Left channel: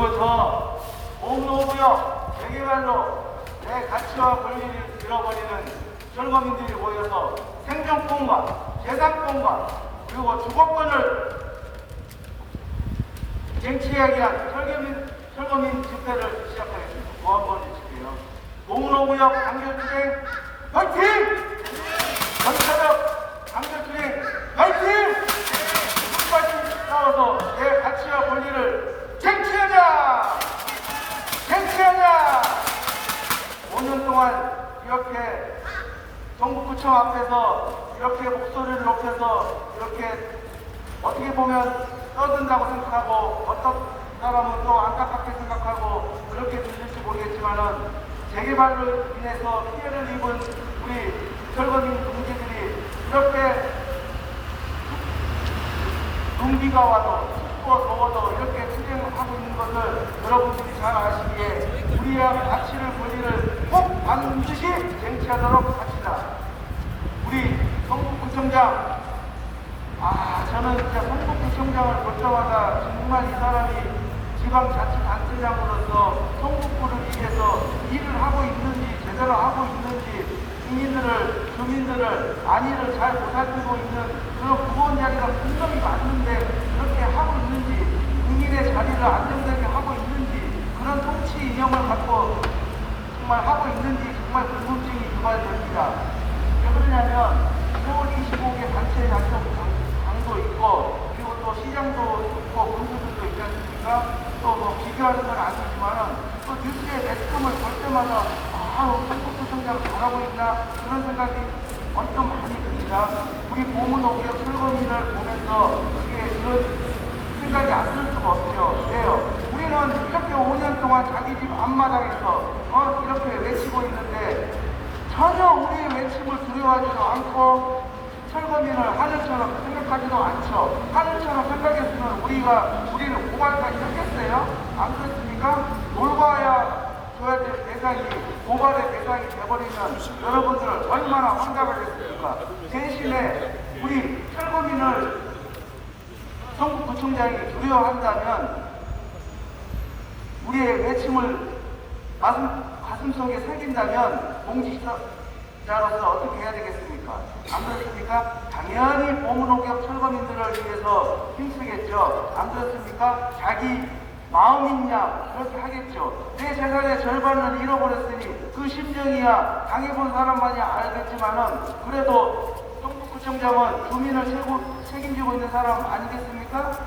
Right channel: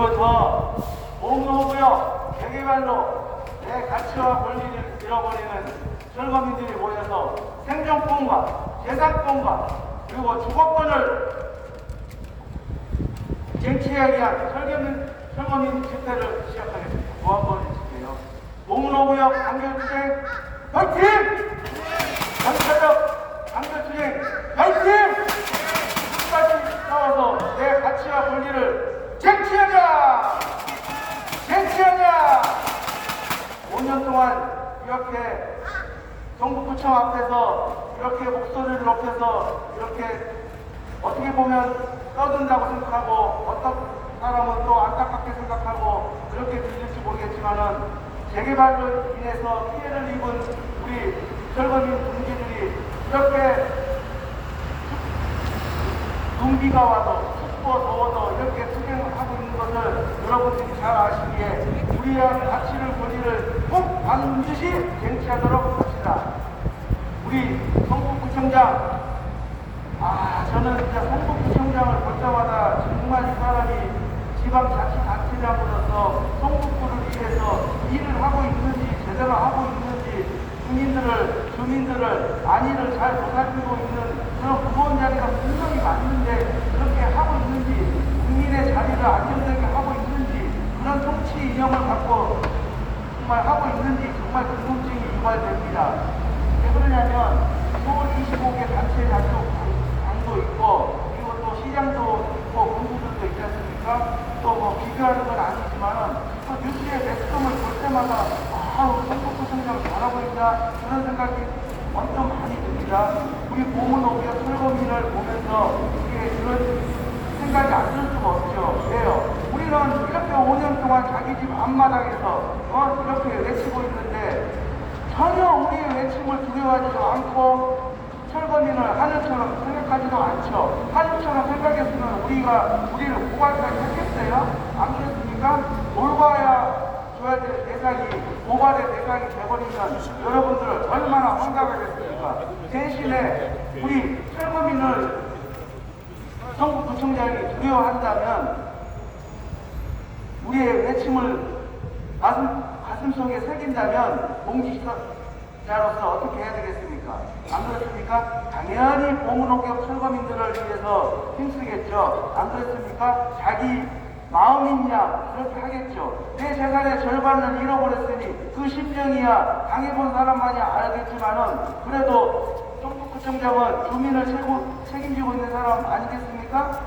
지금부터 공로구역 재개발로 내 가치와 권리를 잃어버리는 철거민들이 모여서 생존권과 재산권과 그리고 주거권을 쟁취하기 위한 철거민 집회를 시작하겠습니다. 고한번 해주세요. 공로구역 단결투쟁 파이팅! 경찰력 단결투쟁 파이팅! 끝까지 싸워서 내 가치와 권리를 쟁취하자! 쟁취하자! 5년 동안 이렇게 경북구청 앞에서 이렇게 목소리를 높여서 이렇게 어떻게 보면 떠든다고 생각하고 어떤 사람은 또 안타깝게 생각하고 그렇게 들릴지 모르겠지만은 재개발로 인해서 피해를 입은 우리 철거민 동지들이 이렇게 눈비가 와도 춥고 더워도 이렇게 투쟁하고 있는 것을 여러분들이 잘 아시기에 우리의 가치를 권리를 꼭 반드시 쟁취하도록 합시다. 우리 성북구청장 저는 진짜 성북구청장을 볼 때마다 정말 이 사람이 지방자치단체장으로서 성북구를 위해서 일을 하고 있는지 제대로 하고 있는지 주민들을 안위를 잘 보살피고 있는 그런 구원자리가 분명히 맞는데 그렇게 하고 있는지 국민의 자리를 안정되게 하고 있는지 그런 통치 이념을 갖고 정말 하고 있는지 정말 궁금증이 유발됩니다. 왜 그러냐면 서울 25개 단체 장도 있고 그리고 또 시장도 있고 군수들도 있지 않습니까? 또 뭐 비교하는 건 아니지만은 또 뉴스에 매스컴을 볼 때마다 성북구청장 잘하고 있나 그런 생각이 언뜻 많이 듭니다. 우리 보문오기역 철거민을 보면서 그런 생각이 안 들 수가 없죠. 왜요? 우리는 이렇게 5년 동안 자기 집 앞마당에서 이렇게 외치고 있는데 전혀 우리의 외침을 두려워하지도 않고 철거민을 하늘처럼 생각하지도 않죠. 하늘처럼 생각했으면 우리를 고발까지 했겠어요? 안 그렇습니까? 올바야 줘야 될 대상이 고발의 대상이 돼버리면 여러분들 얼마나 황당하겠습니까? 대신에 우리 철거민을 성북구청장이 두려워한다면 우리의 외침을 가슴속에 새긴다면 공직자로서 어떻게 해야 되겠습니까? 안 그렇습니까? 당연히 보문오기역 철거민들을 위해서 힘쓰겠죠. 안 그렇습니까? 자기 마음이냐 그렇게 하겠죠. 내 재산의 절반을 잃어버렸으니 그 심정이야 당해본 사람만이 알겠지만은 그래도 성북구청장은 주민을 책임지고 있는 사람 아니겠습니까?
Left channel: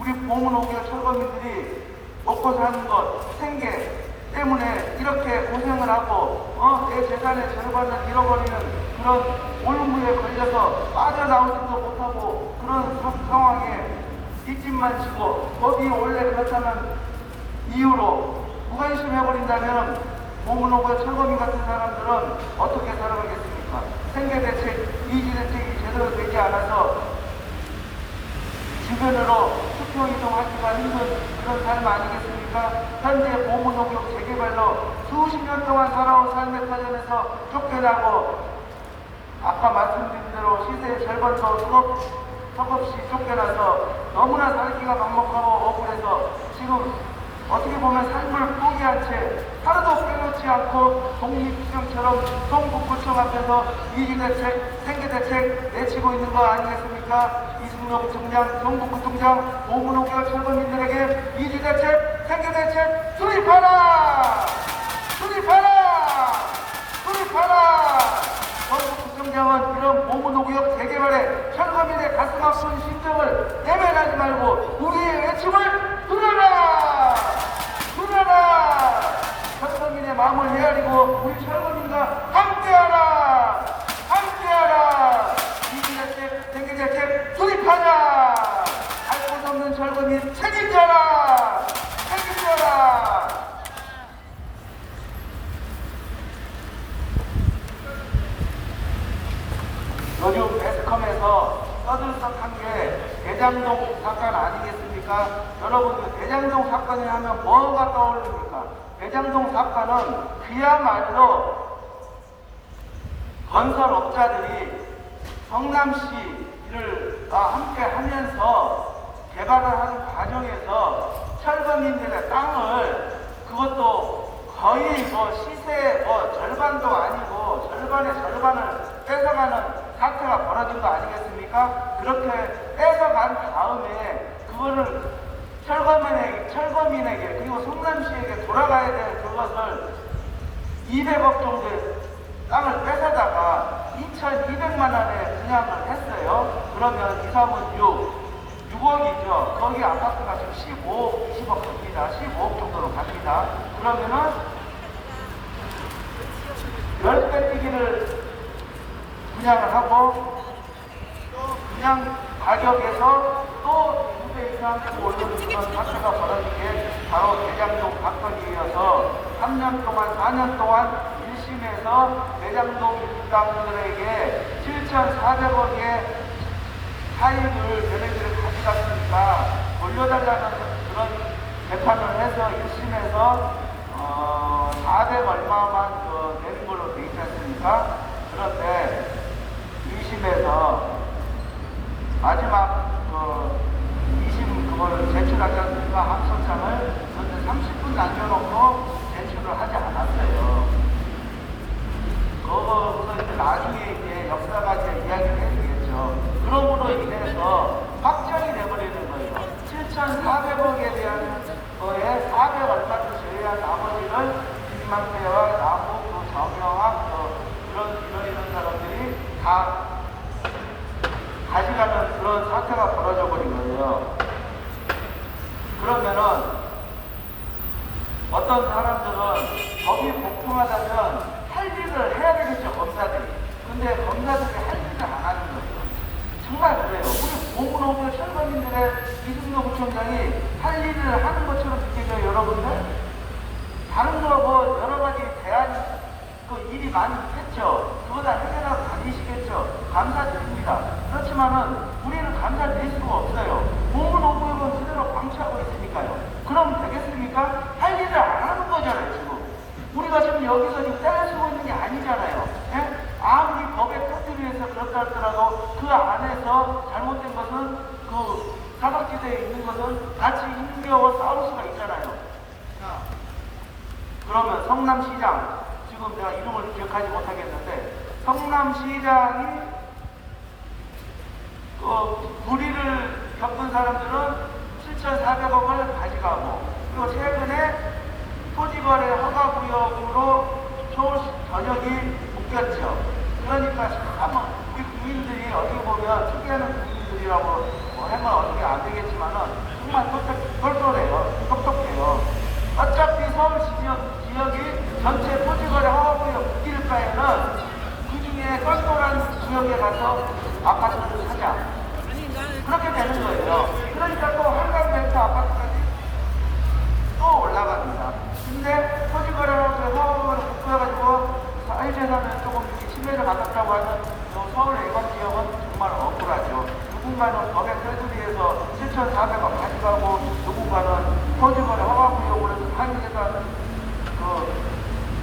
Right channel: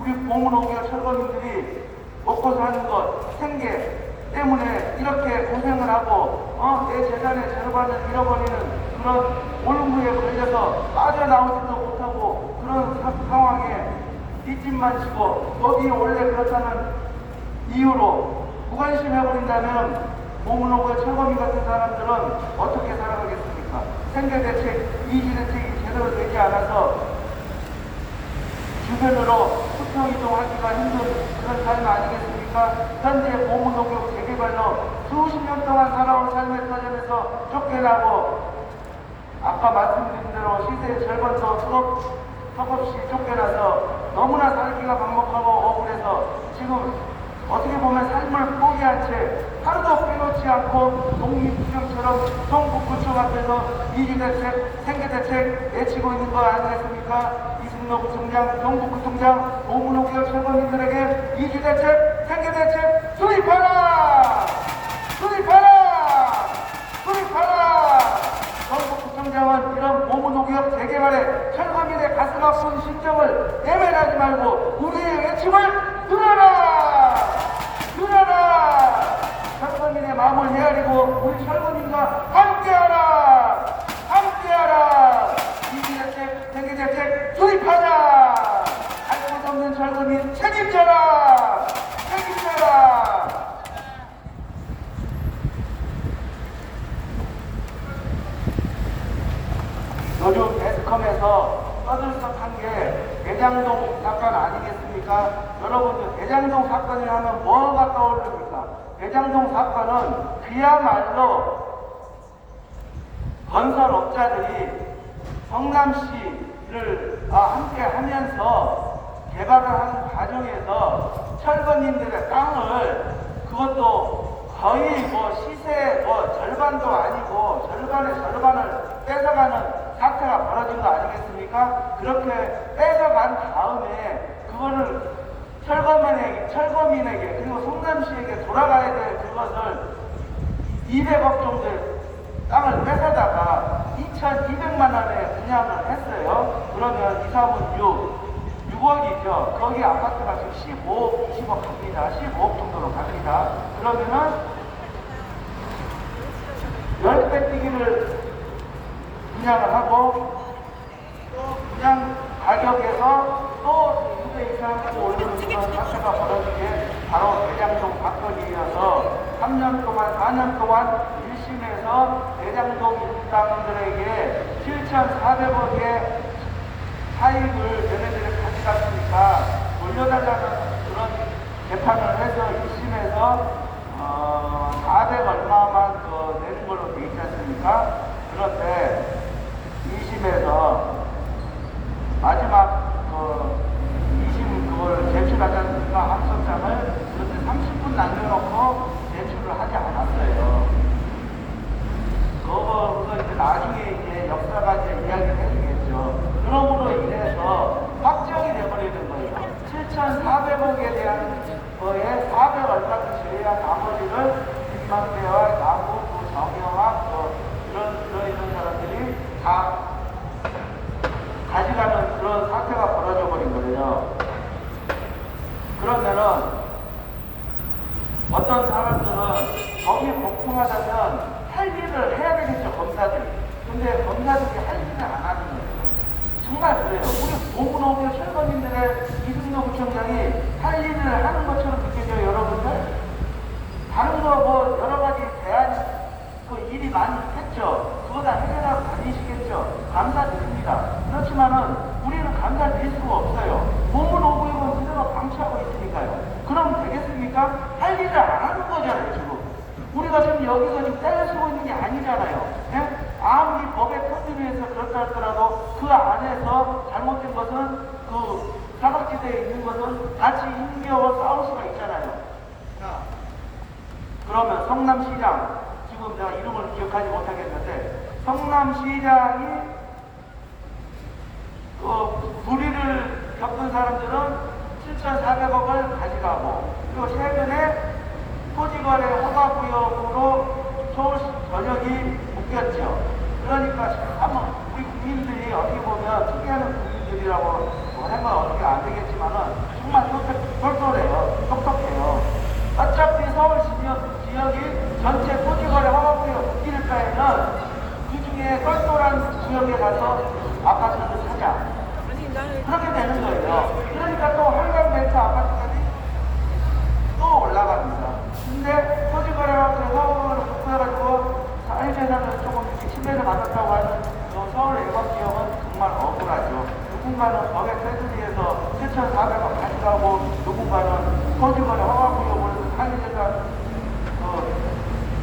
우리 보문오기역 철거민들이 먹고 사는 것, 생계 때문에 이렇게 고생을 하고 내 재산의 절반을 잃어버리는 그런 올무에 걸려서 빠져나오지도 못하고 그런 상황에 뒷짐만 지고 법이 원래 그렇다는 이유로 무관심해버린다면 보문오기역 철거민 같은 사람들은 어떻게 살아가겠습니까? 생계대책, 이주대책이 제대로 되지 않아서 주변으로 수평이동하기가 힘든 그런 삶 아니겠습니까? 현재 보문오기역 재개발로 수십 년 동안 살아온 삶의 터전에서 쫓겨나고 아까 말씀드린 대로 시세의 절반도 턱없이 쫓겨나서 너무나 살기가 막막하고 억울해서 지금 어떻게 보면 삶을 포기한 채 하루도 빼놓지 않고 독립투쟁처럼 성북구청 앞에서 이주대책, 생계대책 내치고 있는 거 아니겠습니까? 이승로구청장, 경북구청장, 보문오기역 철거민들에게 이주대책, 생계대책 수립하라! 수립하라! 수립하라! 경북구청장은 이런 보문오기역 재개발에 철거민의 가슴 아픈 심정을 예면하지 말고 우리의 외침을 들어라! 들어라! 철거민의 마음을 헤아리고 우리 철거민과 함께하라! 함께하라! 이주대책, 생계대책 수립하자! 할 것 없는 철거민 책임져라! 책임져라! 요즘 매스컴에서 떠들썩한 게 대장동 사건 아니겠습니까? 여러분들 대장동 사건을 하면 뭐가 떠오릅니까? 대장동 사건은 그야말로 건설업자들이 성남시를 함께 하면서 개발을 하는 과정에서 철거민들의 땅을 그것도 거의 뭐 시세 뭐 절반도 아니고 절반의 절반을 뺏어가는 사태가 벌어진 거 아니겠습니까? 그렇게 뺏어간 다음에 그거를 철거민에게 그리고 성남시에게 돌아가야 될 그것을 200억 정도의 땅을 뺏어다가 2,200만 원에 분양을 했어요. 그러면 2, 3은 6억이죠. 거기 아파트가 지금 15억, 20억 갑니다. 15억 정도로 갑니다. 그러면은 10배 뛰기를 분양을 하고 또 분양 가격에서 또 2배 이상 올리는 그런 사태가 벌어지게 바로 대장동 박건희이어서 3년 동안, 4년 동안 1심에서 대장동 일당들에게 7,400억의 차익을 얘네들이 가져갔으니까 돌려달라는 그런 재판을 해서 1심에서 400 얼마만 내는 걸로 돼 있지 않습니까? 그런데 2심에서 마지막 2심 그거를 제출하지 않습니까? 항소장을. 그런데 30분 남겨놓고 제출을 하지 않았어요. 그거보다 이제 나중에 이제 역사가 이제 이야기를 해주겠죠. 그러므로 인해서 확정이 돼버리는 거예요. 7,400억에 대한 거에 400 얼마를 제외한 나머지를 김만배와 나무, 정영학, 이런 사람들이 다 가져가는 그런 사태가 벌어져 버린 거예요. 그러면은 어떤 사람들은 법이 공평하다면 할 일을 해야 되겠죠, 검사들이. 근데 검사들이 할 일을 안 하는 거예요. 정말 그래요. 우리 보문호교 철거민들의 이승로 구청장이 할 일을 하는 것처럼 느껴져요, 여러분들? 다른 거 뭐 여러 가지 대안, 일이 많이 있겠죠. 그거 다 해결하고 다니시겠죠. 감사드립니다. 그렇지만은 우리는 감사드릴 수가 없어요. 보문호교육은 그대로 방치하고 있으니까요. 그럼 되겠습니까? 할 일을 안 하는 거잖아요, 지금. 우리가 지금 여기서 지금 떼쓰고 있는 게 아니잖아요. 예? 아무리 법의 터지를 위해서 그렇다 하더라도 그 안에서 잘못된 것은 그 사각지대에 있는 것은 같이 힘겨워 싸울 수가 있잖아요. 자, 그러면 성남시장, 지금 내가 이름을 기억하지 못하겠는데, 성남시장이 불의를 겪은 사람들은 7,400억을 가져가고, 그리고 최근에 토지거래 허가구역으로 서울 전역이 묶였죠. 그러니까 참 우리 국민들이 어떻게 보면 특이하는 국민들이라고 하면 어떻게 안 되겠지만은 정말 똘똘해요. 똑똑해요. 어차피 서울 지역이 전체 토지거래 허가구역 묶일 바에는 그 중에 똘똘한 구역에 가서 아파트를 사자. 그렇게 되는 거예요. 그러니까 또 한강벤처 아파트까지 또 올라갑니다. 근데 토지거래하고 허가를 묶어가지고 사회재산을 조금 이렇게 신뢰를 받았다고 하는 서울 애건 지역은 정말 억울하죠. 누군가는 법의 테두리에서 7,400원 가져가고 누군가는 토지거래 허가구역으로 해서 사회재산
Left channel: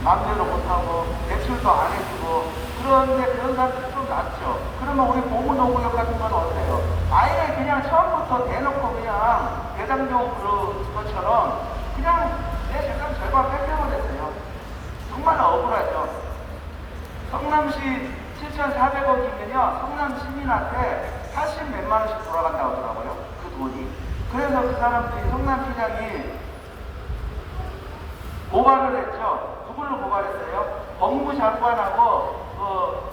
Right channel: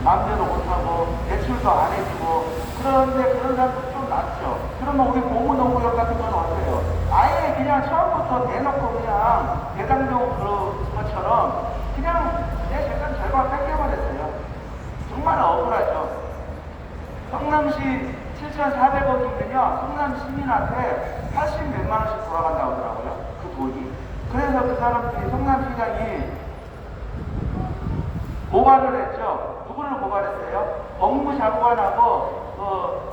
마음대로 못하고 대출도 안 해주고 그런데 그런 사람들 좀 낫죠. 그러면 우리 보문호구역 같은 건 어때요? 아예 그냥 처음부터 대놓고 그냥 대장동 그런 것처럼 그냥 내 재산 절반 뺏겨버렸어요. 정말 억울하죠. 성남시 7,400억이면요, 성남 시민한테 80 몇만 원씩 돌아간다고 하더라고요. 그 돈이. 그래서 그 사람들이 성남시장이 고발을 했죠. 누구를 고발했어요? 법무장관하고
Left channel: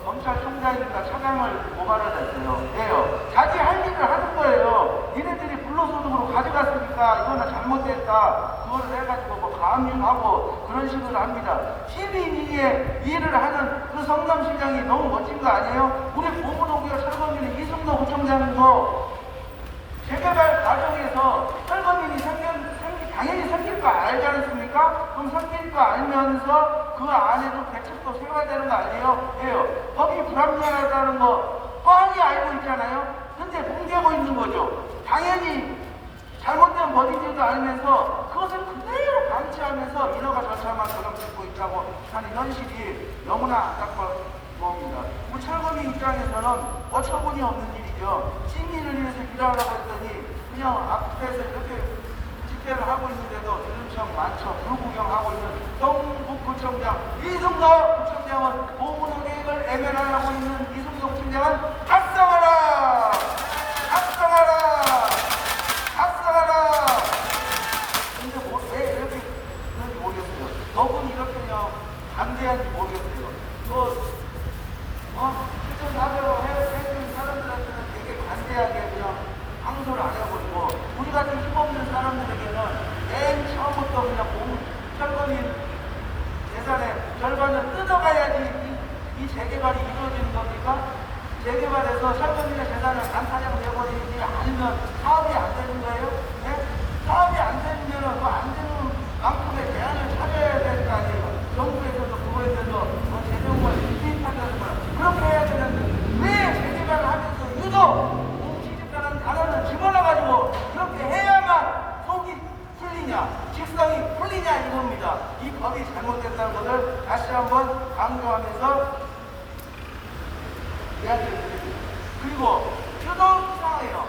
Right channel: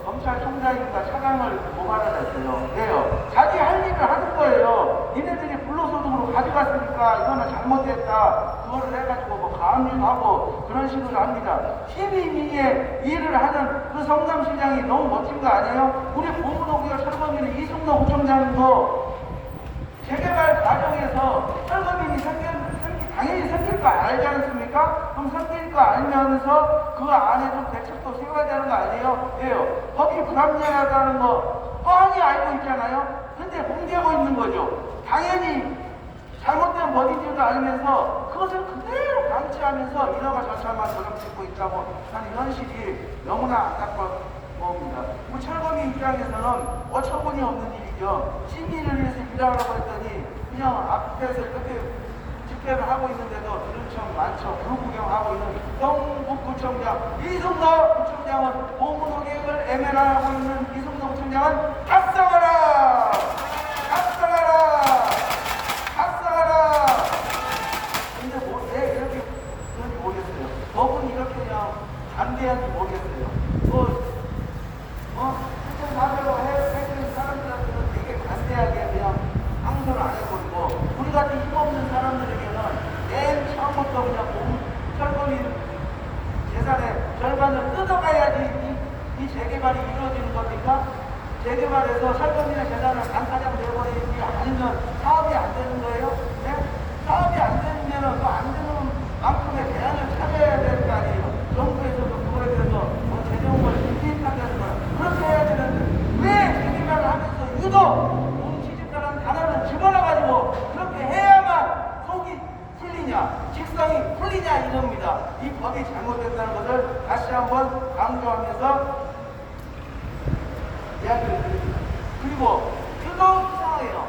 검찰총장인가 차장을 고발을 했어요. 왜요? 자기 할 일을 하는 거예요. 니네들이 불로소득으로 가져갔으니까 이거는 잘못됐다. 그거를 해가지고 뭐 가압류하고 그런 식으로 합니다. 시민위에 일을 하는 그 성남시장이 너무 멋진 거 아니에요? 우리 보문호구역 철거민의 이승로 구청장도 재개발 과정에서 철거민이 당연히 생길 거 알지 않습니까? 그럼 생길 거 알면서 그 안에 좀 대책도 세워야 되는 거 아니에요? 왜요? 법이 불합리하다는 거 뻔히 알고 있잖아요? 근데 봉제하고 있는 거죠. 당연히 잘못된 법인지도 알면서 그것을 그대로 방치하면서 인허가 절차만 도장짓고 있다고 하는 현실이 너무나 안타까운 겁니다. 우리 철거민 입장에서는 어처구니 없는 일이죠. 시민을 위해서 일하려고 했더니 그냥 앞에서 이렇게 집회를 하고 있는데도 들은 척 많죠. 불구경하고 있는 경북구청장 이승도 구청장은 보문호 계획을 애매하고 있는 이승도 구청장은 각성하라! 각성하라! 각성하라! 근데 왜 이렇게 그런지 모르겠어요. 법은 이렇게 그냥 반대한지 모르겠어요. 실제 나대로 해주는 사람들한테는 되게 반대하게 그냥 항소를 안 해버리고, 우리 같은 힘없는 사람들에게는 맨 처음부터 그냥 철거민 재산의 절반을 뜯어가야지 이 재개발이 이루어지는 겁니까? 재개발해서 철거민의 재산을 반타작 내버리지 않으면 사업이 안 되는 거예요? 네? 사업이 안 되면 그 안 되는 만큼의 대안을 찾아야 되는 거 아니에요? 정부에서도 그거에 대해서 재정을 투입한다는 거는 그렇게 해야 되는데, 왜 재개발을 하면서 유독 공시지가라는 단어를 집어넣어가지고 그렇게 해야만 속이 풀리냐, 직성이 풀리냐 이겁니다. 이 법이 잘못됐다는 것을 다시 한번 강조하면서 이야기를 드립니다. 그리고 유독 이상해요.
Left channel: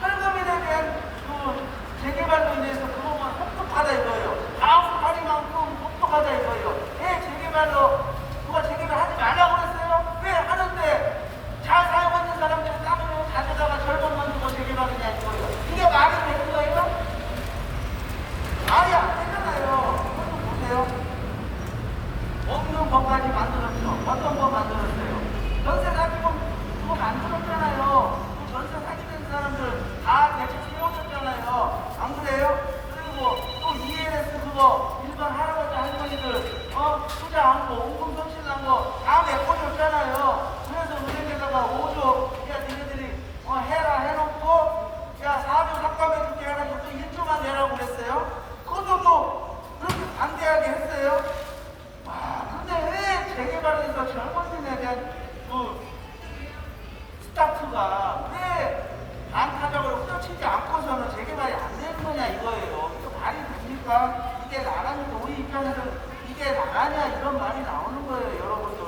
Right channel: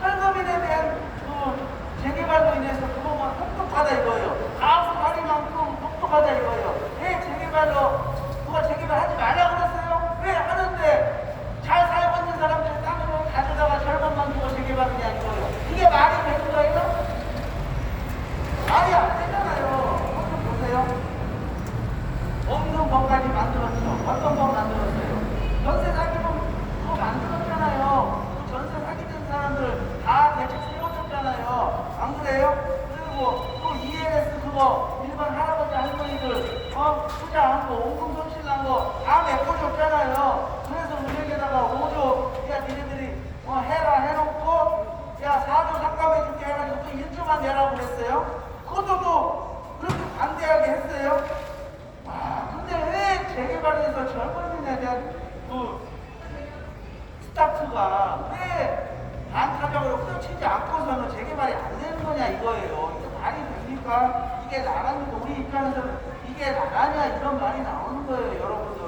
철거민에 대한 그 재개발로 인해서 그것만 혹독하다 이거예요. 다수하리만큼 혹독하다 이거예요. 왜 재개발로 누가 재개발하지 말라고 그랬어요? 왜 하는데 잘 사용하는 사람들이 땅을 가져다가 절반만 주고 재개발이냐 이거예요. 이게 말이 되는 거예요? 말이 안 되잖아요. 그것좀 보세요. 없는 법까지 만들었죠. 어떤 법 만들었어요? 전세 사기범 그거 만들었잖아요. 그 전세 사기된 사람들 다 대책 세워줬잖아요. 안 그래요? 그리고 또 ELS 그거 일반 할아버지 할머니들 투자 한 거, 원금 손실 난 거 다 메꿔줬잖아요. 그래서 은행에다가 5조 야 니네들이 해라 해놓고 야 4조 삭감해줄게 해가지고 또 1조만 내라고 그랬어요. 그것도 또 그렇게 반대하게 했어요. 근데 왜 재개발에서 젊은이에 대한 그 스타트가 왜 반타적으로 후려치지 않고서는 재개발이 안 되는 거냐 이거예요. 이거 말이 됩니까? 이게 나라니까 우리 입장에서는 이게 나라냐 이런 말이 나오는 거예요, 여러분들.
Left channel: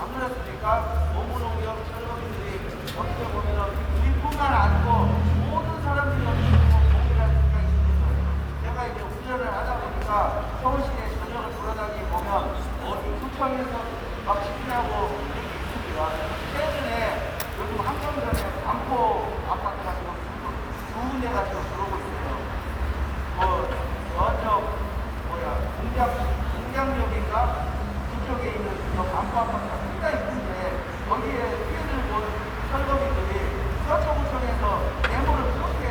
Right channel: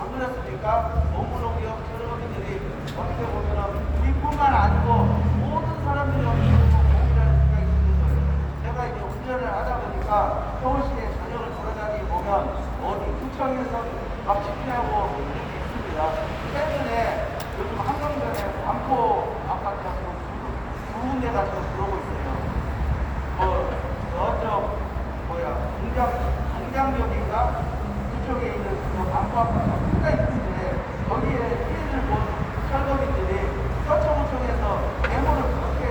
안 그렇습니까? 원문호기업 철거민들이 어떻게 보면은 우리뿐만 아니고 모든 사람들이 어떻게 보면 고민할 수가 있는 거예요. 제가 이제 운전을 하다 보니까 서울시내 전역을 돌아다니 보면 어디 구청에서 막 집회하고 이런 게 있습니다. 최근에 요즘 한강변에 반포 아파트가 두 군데가 지금 들어오고 있어요. 저쪽 공장역인가 그쪽에 있는 저 반포 아파트가 굉장히 큰데 거기에 피해를 본 철거민들이 서초구청에서 데모를 그렇게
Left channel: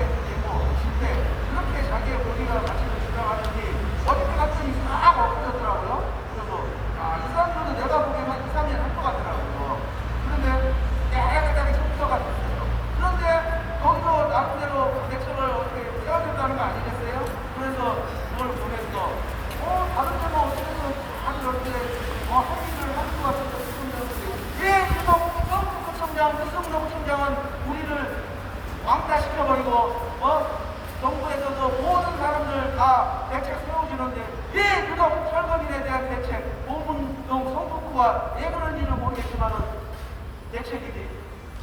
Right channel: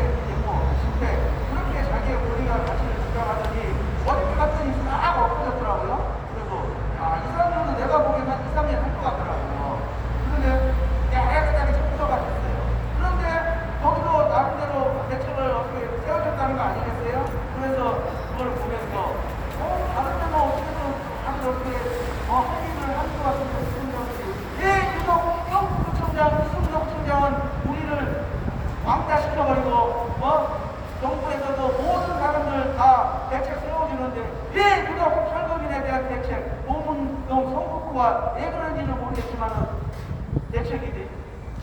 집회 그렇게 자기의 권리와 가치를 주장하더니 어저께 갔더니 막 엎어졌더라고요. 그래서 이 사람들은 내가 보기엔 한 2, 3년 할 것 같더라고요. 그런데 깨끗하게 청소가 됐어요. 그런데 거기서 나름대로 대책을 어떻게 세워줬다는 거 아니겠어요? 그래서 그걸 보면서 다른 데는 어떻게든 다들 어떻게 합의를 하는 것 같은데 시청장들이 왜 경북구청장 이승도구청장은 우리를 왕따 시켜버리고 정부에서도 모든 사람들 다 대책 세워주는데 왜 유독 철거민에 대한 대책 보문동 성북구가 왜 그런지는 모르겠지만은 대책이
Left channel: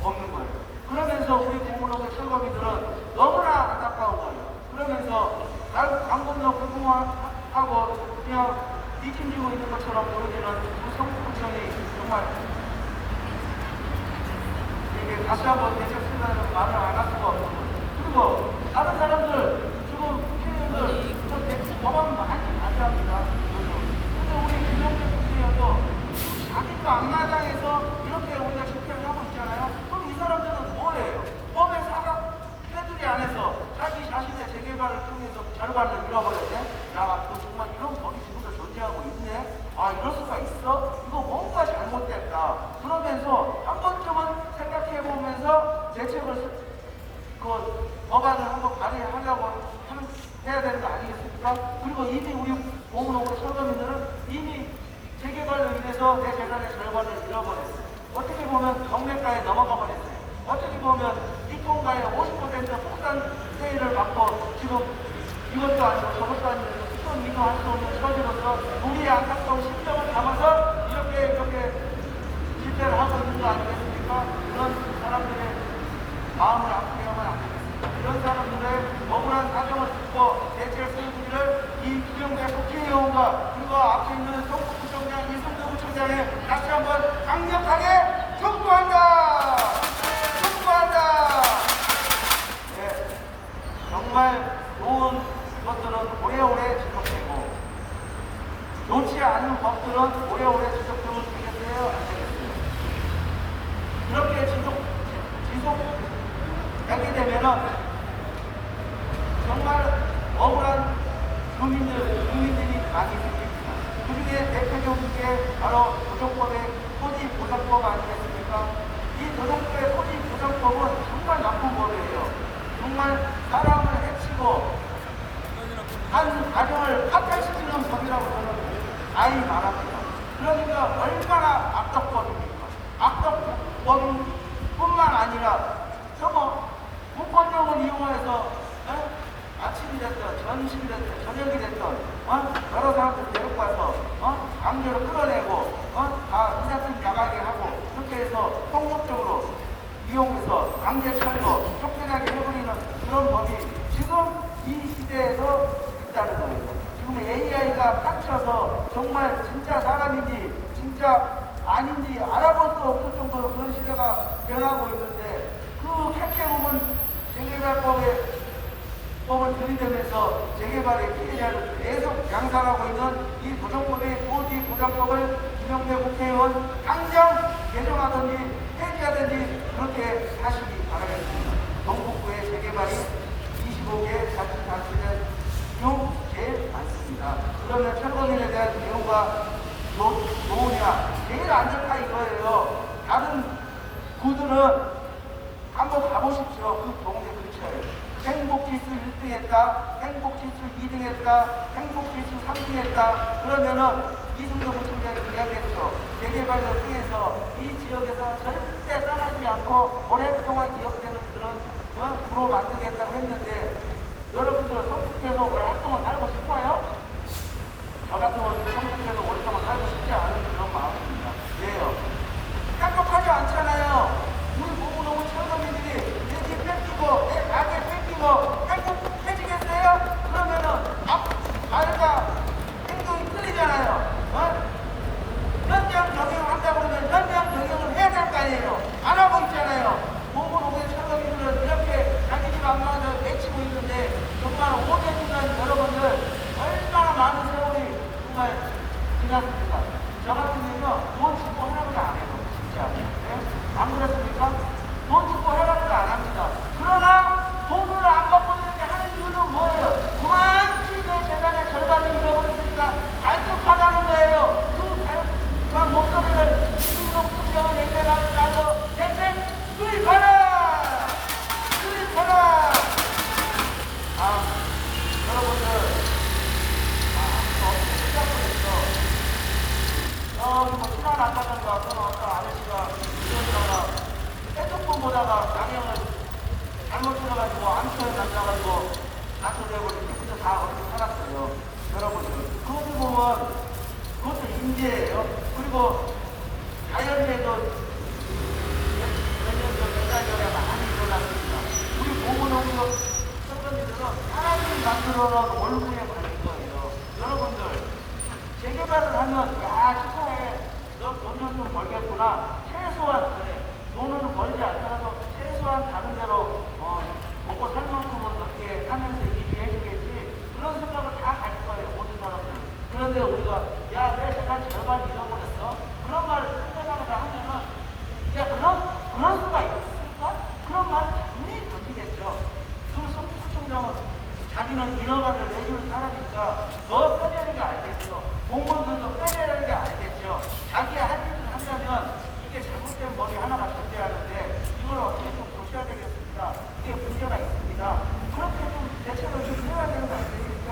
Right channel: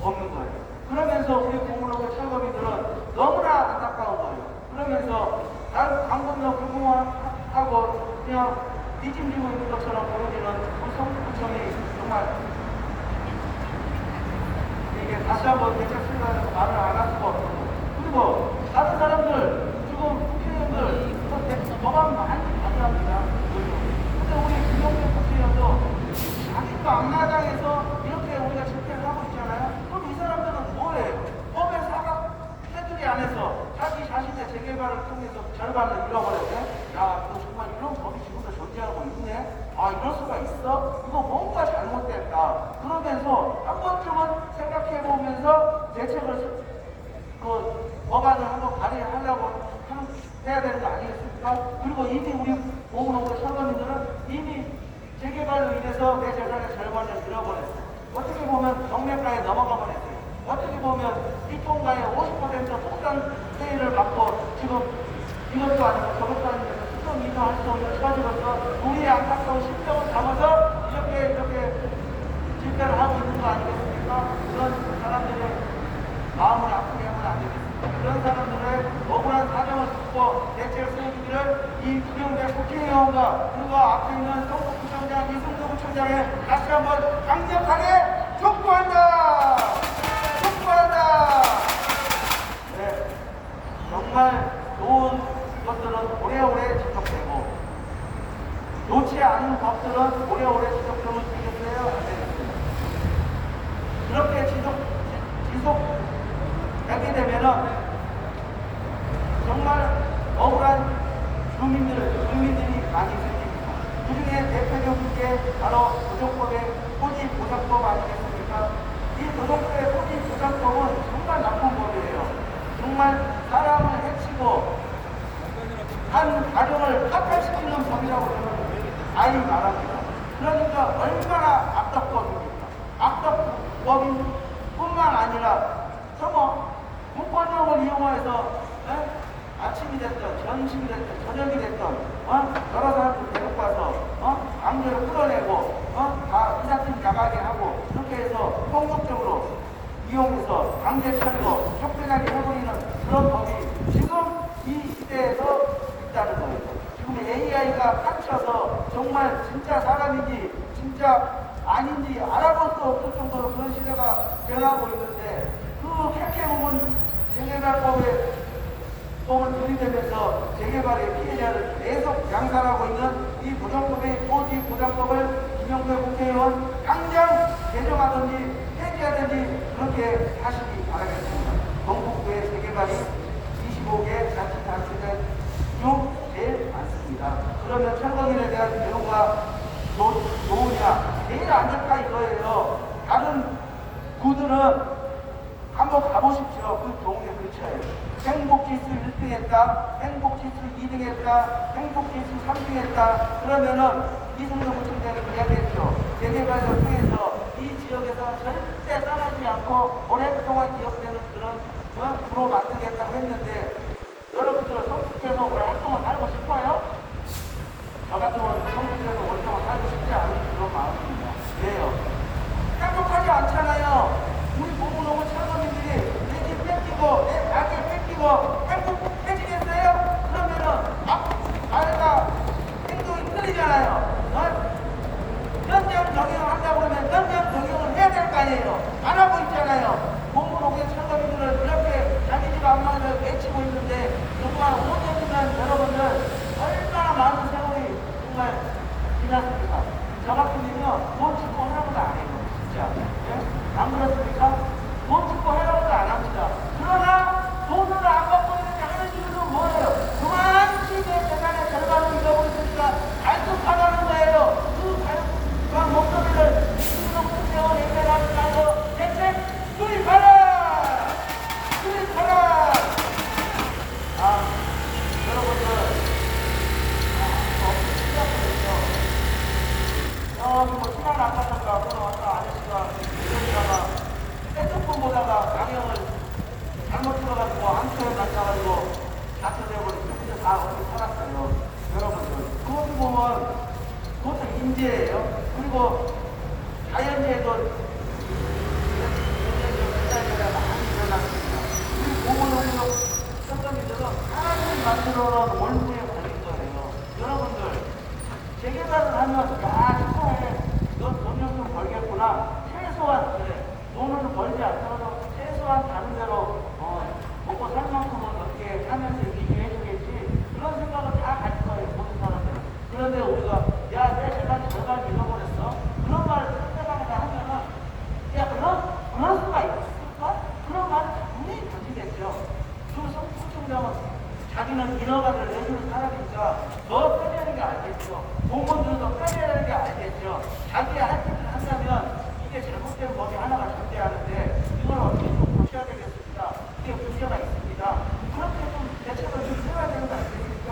없는 거예요. 그러면서 우리 보문동 철거민들은 너무나 안타까운 거예요. 그러면서 강 건너 불공하고 그냥 뒷짐지고 있는 것처럼 보여지는 그 성북구청이 정말 이게 다시 한번 대책 수립하는 말을 안 할 수가 없는 거예요. 그리고 다른 사람들 지금 국회의원들 법안 많이 발의합니다. 근데 우리 김영철 국회의원도 자기도 앞마당에서 이렇게 우리가 집회를 하고 있잖아요. 그럼 이 사람들은 뭐예요? 법에 사각 테두리 안에서 자기 자신의 재개발을 통해서 절반을 잃어버렸네? 야, 너 정말 이런 법이 지금도 존재하고 있네? 이럴 수가 있어? 이거 뭔가 잘못됐다. 그러면서 한 번쯤은 생각해보면서 대책을 법안을 한번 발의하려고 해야 되는 거 아니겠습니까? 그리고 이미 우리 보문호구 철거민들은 이미 재개발로 인해서 내 재산의 절반을 잃어버렸어요. 어떻게 보면 정면가에 넘어가 버렸어요. 어떻게 보면 입통가의 50% 폭탄 세일을 받고 지금 이것도 아니고 저것도 아니고 수천 미터 할 수 없는 처지로서 우리의 안타까운 심정을 담아서 이렇게 집회를 하고 있는 거 아니겠습니까? 그런 사람들의 마음을 아프게 하면 안 되겠습니다. 그런 사람들의 억울한 사정을 듣고 대책 수행기를 이 김영배 국회의원과 그리고 앞에 있는 경북구청장 이승도 구청장에 다시 한번 강력하게 촉구한다! 촉구한다! 네, 정말 좋은 것들은 오래오래 지속되고 좋지 않은 법들은 오래오래 지속되면 되겠어요? 안 되겠어요? 그렇게 지속되게 되면은 정말 억울한 국민들이 많이 생깁니다. 그 중에 대표적인 게 바로 노동법의 토지보장법 아니겠습니까? 이 노동법의 토지보장법은 정말 나쁜 법이에요. 정말 사람을 해치고 한 가정을 파탄시키는 법이라고 저는 아예 말합니다. 그러니까 얼마나 악덕법입니까? 악덕법인 뿐만 아니라 무권력을 이용해서 아침이 됐든 점심이 됐든 저녁이 됐든 여러 사람들 데리고 와서 강제로 끌어내고 다 이삿짐 나가게 하고 그렇게 해서 폭력적으로 이용해서 강제 철거 쫓겨나게 해버리는 그런 법이 지금 이 시대에서 있다는 거예요. 지금 AI가 닥쳐서 정말 진짜 사람인지 진짜 아닌지 알아볼 수 없을 정도로 그런 시대가 변하고 있는데 그 핵행은 재개발법을 들이대면서 재개발의 피해자를 계속 양산하고 있는 이 노동법의 토지보장법을 김영배 국회의원 당장 개정하든지 폐지하든지 그렇게 하시기 바라겠습니다. 동북부의 재개발이 25개 자치단체가 중 제일 많습니다. 그러면 철거민에 대한 대우가 좋으냐? 제일 안 좋다 이거예요. 다른 구들은 한번 가보십시오. 그 동네 근처에. 행복지수 1등 했다, 행복지수 2등 했다, 행복지수 3등 했다. 그러면은 이승도 구청장이 이야기했죠. 재개발을 통해서 이 지역에서 절대 떠나지 않고 오랫동안 기억되는 그런 구로 만들겠다고 했는데 여러분들은 성북에서 오랫동안 살고 싶어요? 저 같은 경우는 성북에서 오랫동안 살고 싶지 않은 그런 마음입니다. 왜요? 행복하지 않잖아요. 우리 보고노무 철거민들이 내 집 뺏기고 내 아들 뺏기고 행복해지겠어요? 그러면은 말과 행동이 틀리잖아요. 현장 경영을 한다고 그러면 현장 경영을 해야 될 거 아니에요. 안 하고 있잖아요. 보고노무의 철거민들은 이렇게 자기 집 안마를 외치고 있는데 정말 5년이면 여러분들 얼마나 많은 세월이 정말 지났습니까? 저 같은 경우는 돈 주고 하라고도 안 해요. 진짜. 네? 안 그렇습니까? 돈 주고 하라고도 안 합니다. 그러나 돈을 안 받고 이렇게 하는 이유는 뭐예요? 그만 시대 재산의 절반을 잃어버렸으니까 발톱하다는 거예요. 그 목소리를 이승도 구청장은 얘기하지 말고 대책 수립하라! 수립하라! 여러분들 여기 뭐 신안 아까던가 그런 어떤 아저씨가 이러다가 핸드폰 보다가 양형을 잘못 들어가지고 암초에 만나가지고 다쳐져버리고 혼자 다 어디 살았어요. 여러분들 그것을 보면 그것도 인재예요. 그리고 자연재해도 몇 달 전에 많이 일어났습니다. 우리 보건농업 선생님들은 하나님이 만들어 놓은 원룸에 걸릴 거예요. 여러분들 재개발을 하면 야 축하해 너 돈 좀 벌겠구나 최소한 그래 돈은 벌지 않더라도 최소한 다른 데로 먹고 살 만큼은 어떻게 하면서 이기게 해주겠지 그런 생각을 다 가질 거예요 모든 사람들은. 그런데 우리가 야 내 재산 절반 잃어버렸어 그런 말을 상대방에다 하면은 야 그런 수가 있을까? 그런 말을 분명히 던지겠죠. 그래서 구청장은 자기는 인허가를 내줄 사람이니까 더 빼내야 하는 게 알겠죠. 공무원들도 빼내야 하는 게 알겠죠. 자기 할 일을 한다면 이게 잘못된 법이 하나가 존재하는데 이걸 어떻게 좀 보셔야 되겠습니다. 이게 문제가 있습니다. 그렇게 좀 대책을 좀 해야 되는 거 아니겠습니까?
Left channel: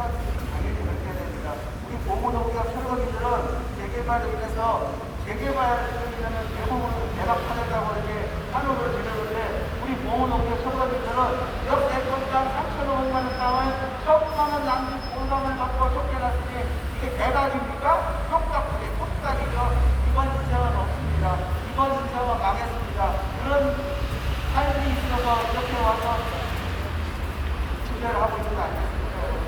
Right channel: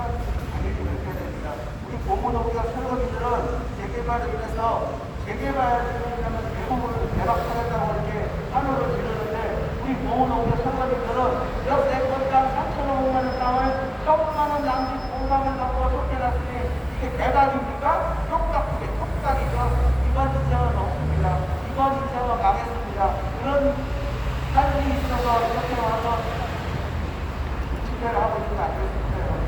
당연히 그렇게 해야 됩니다. 우리 공무원과 철거민들은 재개발을 위해서 재개발을 하면 대부분을 대박하겠다고 이렇게 환호를 드렸는데 우리 공무원과 철거민들은 역대 건당 3,500만 원 땅을 1,000만 원 낭지 보상을 받고 쫓겨났으니 이게 대박입니까? 똑딱이죠. 이번 인생은 없습니다. 이번 인생은 망했습니다. 그런 삶이 있어서 이렇게 와서 문제를 하고 있는 거 아니겠습니까, 여러분?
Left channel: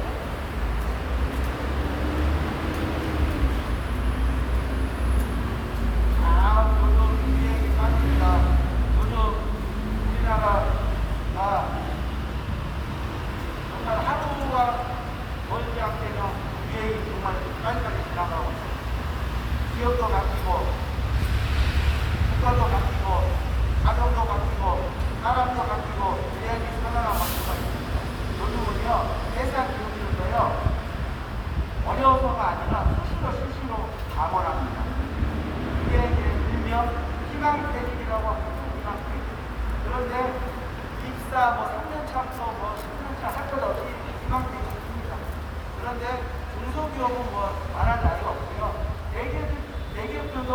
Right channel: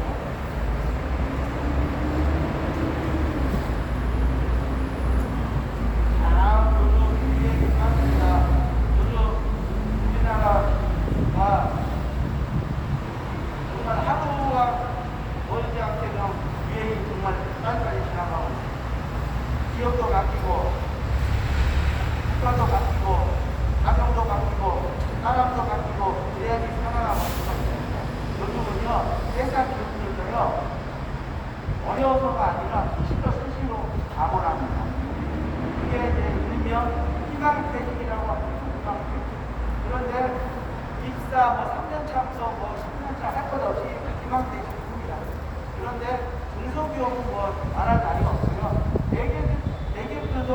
요즘 유행이 빠집니다. 요즘 우리나라가 정말 하루가 멀지 않게 유행이 정말 빨리빨리 지나가고 있습니다. 지역도 바뀌고, 국가도 바뀌고, 가정도 바뀌고, 사람도 바뀌고, 유행이 살아나고 있습니다. 요즘은요, 세상 기업들도요, 어려워서가 아니라 수시로 가몰합니다. 이게 이제 일명 희망퇴직이라고 합니다. 희망퇴직. 그런데 입사 3년 차부터 10년 차 할 것 없이 희망퇴직입니다. 그런데 중소기업은 말할 나위가 없고요. 대기업들도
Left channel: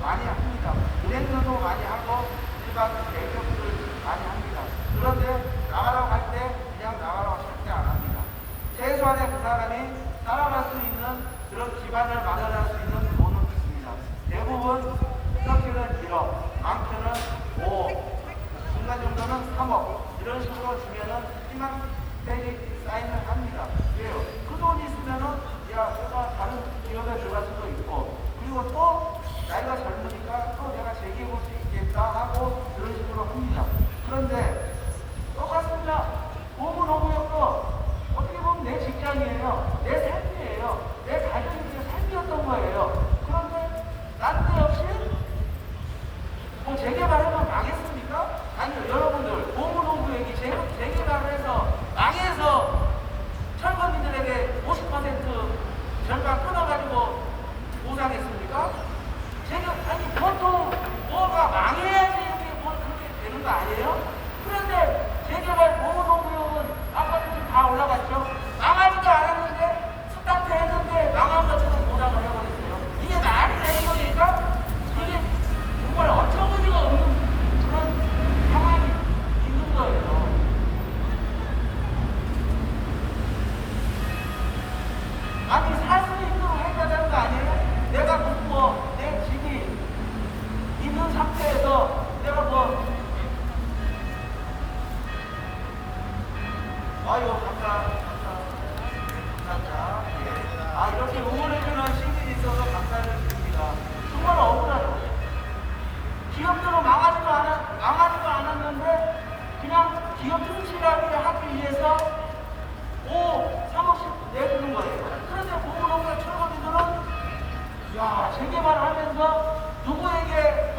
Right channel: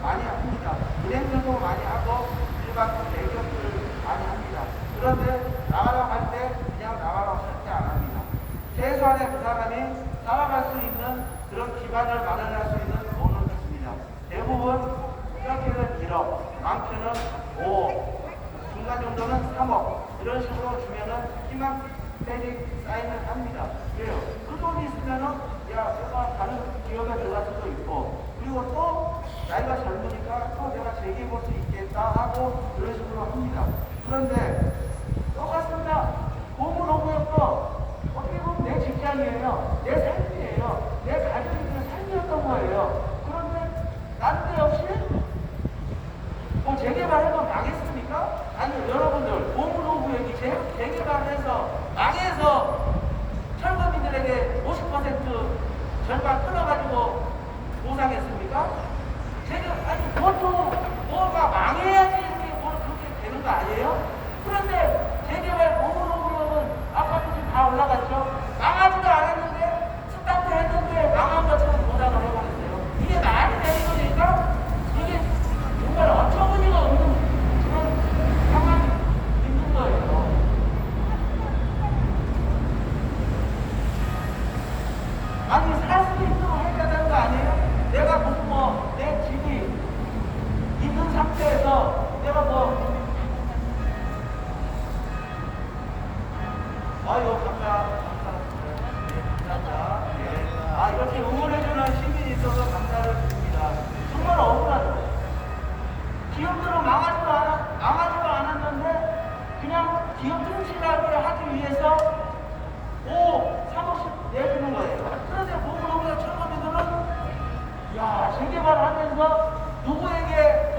많이 합니다. 은행들도 많이 하고 일반 대기업들 많이 합니다. 그런데 나가라고 할 때 그냥 나가라고 절대 안 합니다. 최소한의 그 사람이 살아갈 수 있는 그런 기반을 마련할 수 있는 돈을 줍니다. 대부분 이렇게는 1억, 많게는 5억, 중간 정도는 3억 이런 식으로 주면은 희망퇴직 사인을 합니다. 왜요? 그 돈이 있으면은 야 내가 다른 기업에 들어갈 수도 있고 그리고 또 나이가 젊으니까 또 내가 재기해볼 수 있겠다 하고 그런 식으로 합니다. 그런데 똑같습니다. 고문호구역도 어떻게 보면 내 직장이에요. 내 삶이에요. 내 가정의 삶이었던 거예요. 그런데 난데없이 재개발해도 망했습니까? 아니요. 여러분들 고문호구역이 재개발을 해서 망해서 철거민들에게 50% 절반 끊어가지고 보상했습니까? 아니 보통 뭐가 망해야지 이렇게 그렇게 되는 거 아니에요? 그런데 재개발 고문호구역은 아까도 지금 다 올라갔죠? 망하지도 않았는데 스타트 했는데 망한 것처럼 보상을 해버렸어요. 이게 말이 되는 거니까 이게 정말 어처구니가 없는 그런 상황이 있는 거예요. 아니 살 수 있도록 해야 되는 거 아니에요? 내가 내 집이 있는 상태에서 내가 감사합니다. 예. 이렇게 응원해주는 시민이 있어서 감사를 드립니다. 정말 억울하죠. 기업들은 망하지도 않았는데 그냥 기업 튼실하게 하기 위해서 3억씩 내주는 거예요. 그런데 고문호구역 철거민들은 재개발을 하면서 누구에게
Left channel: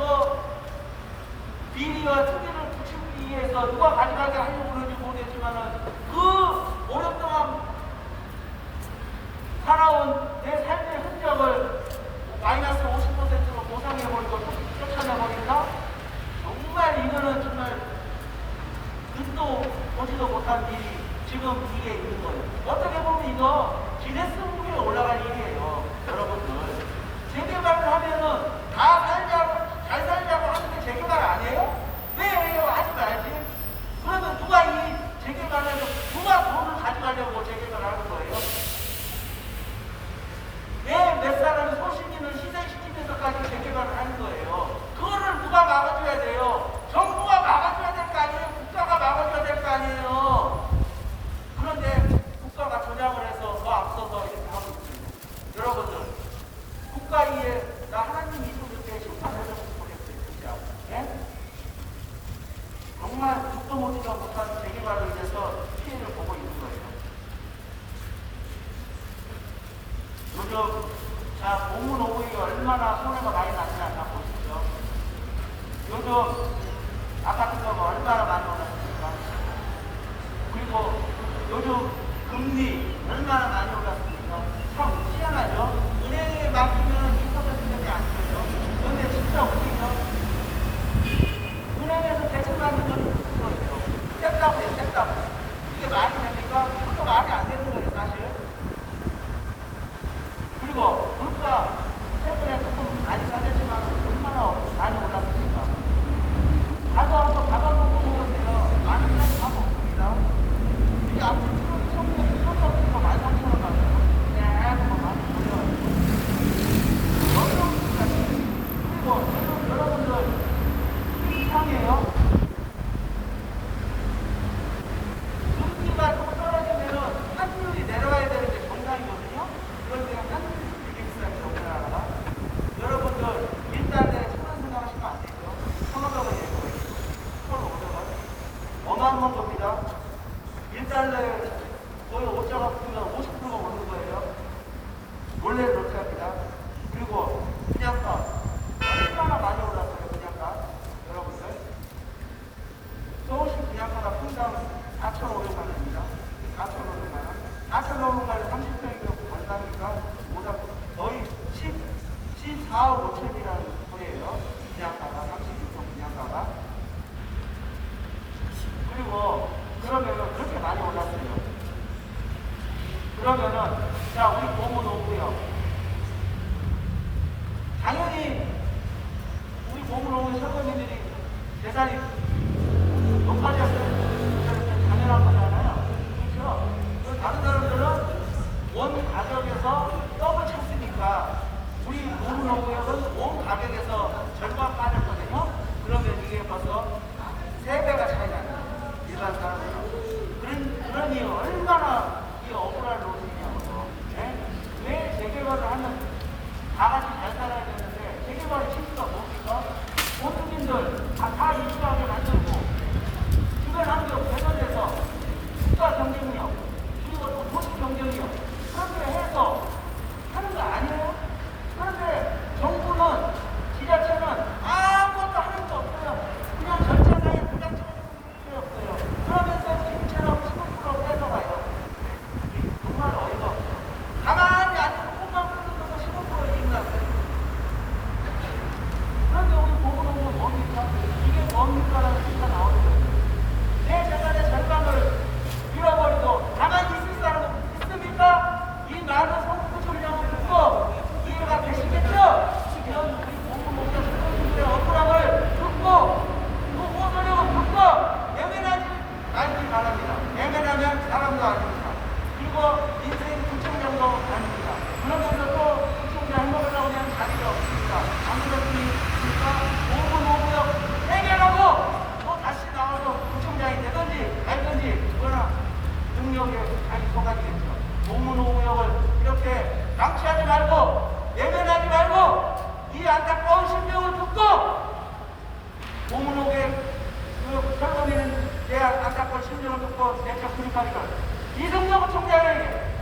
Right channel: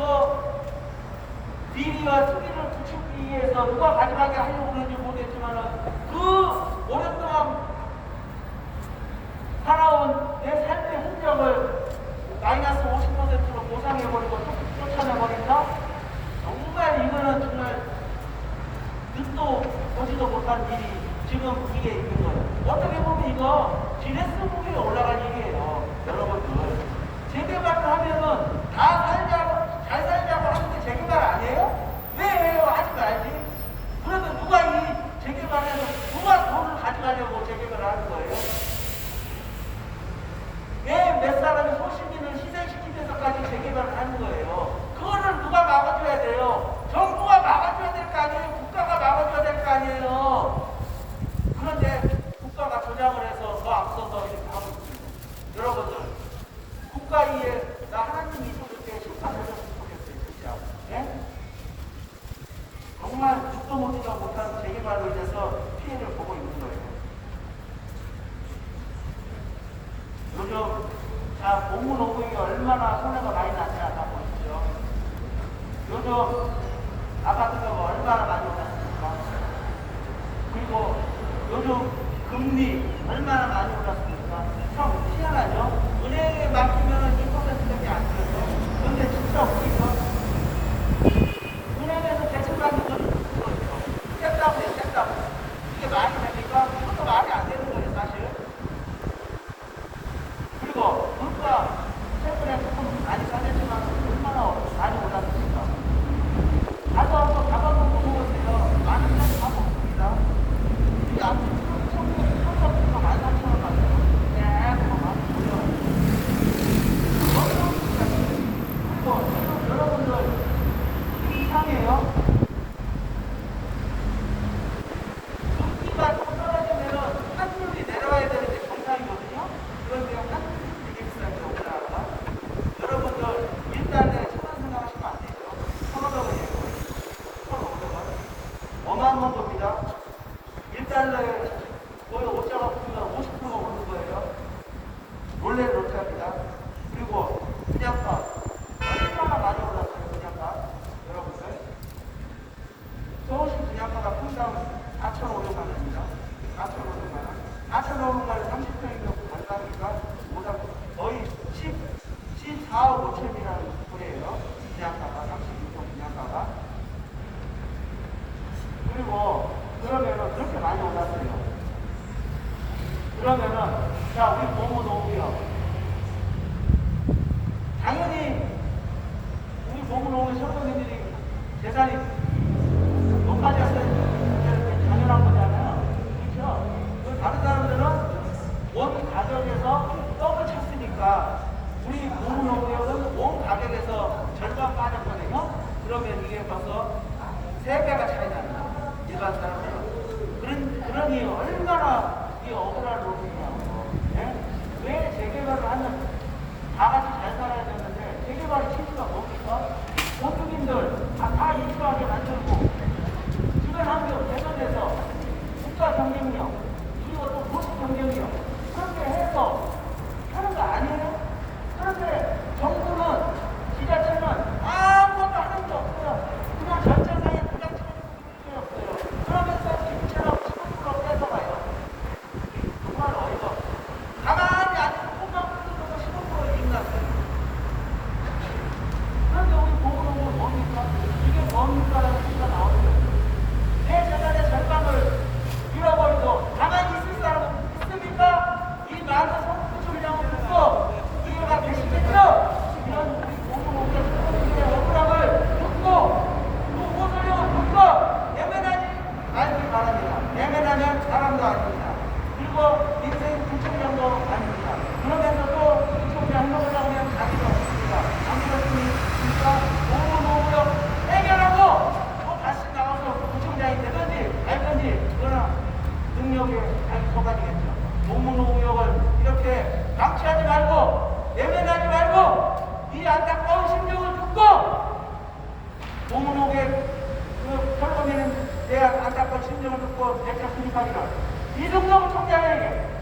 비리와 투기를 붙이기 위해서 누가 가져가게 하려고 그런지 모르겠지만은 그 오랫동안 살아온 내 삶의 흔적을 마이너스 50%로 보상해버리고 쫓아내버린다? 정말 이거는 정말 듣도 보지도 못한 일이 지금 이게 있는 거예요. 어떻게 보면 이거 기네스북에 올라갈 일이에요. 여러분들. 재개발을 하면은 잘 살자고 하는데 재개발 아니에요? 왜 해요? 하지 말지. 그러면 누가 이 재개발을 해서 누가 돈을 가져가려고 재개발을 하는 거예요? 왜 몇 사람의 소시민을 희생시키면서까지 재개발을 하는 거예요? 그거를 누가 막아줘야 돼요? 정부가 막아줘야 될 거 아니에요? 국가가 막아줘야 될 거 아니에요? 그런데 국가가 조작을 해서 더 앞서서 이렇게 하고 있습니다. 여러분들, 국가 위에 나 하나님 있었을 때 심판했었으면 좋겠어요. 진짜. 네? 정말 듣도 보지도 못한 재개발로 인해서 피해를 보고 있는 거예요. 요즘 고문호구역이 얼마나 손해가 많이 나냐 다 보시죠. 요즘 아파트가 얼마나 많이 올랐습니까? 그리고 요즘 금리 얼마나 많이 올랐습니까? 참 희한하죠? 은행에 맡기면 2%밖에 안 줘요. 그런데 진짜 웃기죠? 은행에서 대출 받는 건 6%예요. 셋다고요. 이게 말이 됩니까? 이것도 말이 안 되는 거예요, 사실. 그리고 물가 최근에 조금 많이 싸졌지만 얼마나 많이 올랐습니까? 가져놓고 먹으세요. 많은 사람이 다 먹습니다. 이게 아무튼 처음부터 많이 삼천원 받아요. 계속 막 올려요. 너무 그리고 지금 여러분들 이상해요. 금리가 날라요. 거의 옷자가 보면 50%가 오는 거예요. 원래는 그렇게 합니다. 그리고 분양가 얼마나 많이 올랐어요. 분양가 여러분들 서울시 분양가가 평당 4,500만 원입니다. 4,500만 원. 4,500만 원 30평이면 간다니까 거의 14억 5천이라는 소리예요. 분양가가 36평 분양가가. 그리고 그러면은 그렇게 많이 올랐어요. 그러면은 자 우리 고문 오고요. 당연히 우리 고문 오고 선거민들이 재산이 높아졌을 때 당연한 거잖아요. 그렇죠? 다른 사람들은 원 가격에서 떡을 쳤으니까 우리 고문 오구역은 원 가격에서 절반 빠졌거든요. 그러면 이게 벌써 3배가 차이 납니다. 일반 사람들은. 그러니 얼마나 이 억울한 노릇이냐고요. 네? 왜 재개발을 하면 다 같이 잘 살아야 되는데 재개발이 실수가 뭡니까? 모두민들 다 입주하게 만들고 주변 환경 개선해서 국가 경쟁력 그리고 또 도시 경쟁력 그렇게 해서 하는 거 아니에요? 그런데 정부는 지자체는 아무것도 하는 게 없어요. 그냥 절차상에 도장 쳐주고 있는 게 없어요. 그러면서 지금처럼 15% 뺏어가요. 정말 어이가 없어요. 가만히 앉아서 꽃만 뜯으면서 15%를 인났어요. 그런데 우리 보고 오면 뭡니까? 이게 뭡니까라는 소리가 나오죠. 내 재산의 절반을 잃어버리고 가만히 있을 사람은 있습니까? 이 많은 성북구청장을 듣고 이해가 되시겠죠? 이런 우리 공무원들 시민들의 억울함을 듣고 그 호소력을 듣고 외면하지 말기 바랍니다. 외면하면 사람도 아닙니다. 그리고 인생 구청장도 아닙니다. 그러면서 또 구청장 해먹으려고 하면 자기도 없습니다. 아무도 없으니까 공무원구역 해결하고 또 다시 나와서 구청장이 되든지 말든지 그러나 능력에 자기 속아지겠죠. 공무원구역을 이렇게 방치하지 말고 외면하지 말고 이 안타까운 심정을 듣고 공무원구역 그 선거민에 대한 안타까운 심정을 듣고 내적 분파리를 이승용 총장에게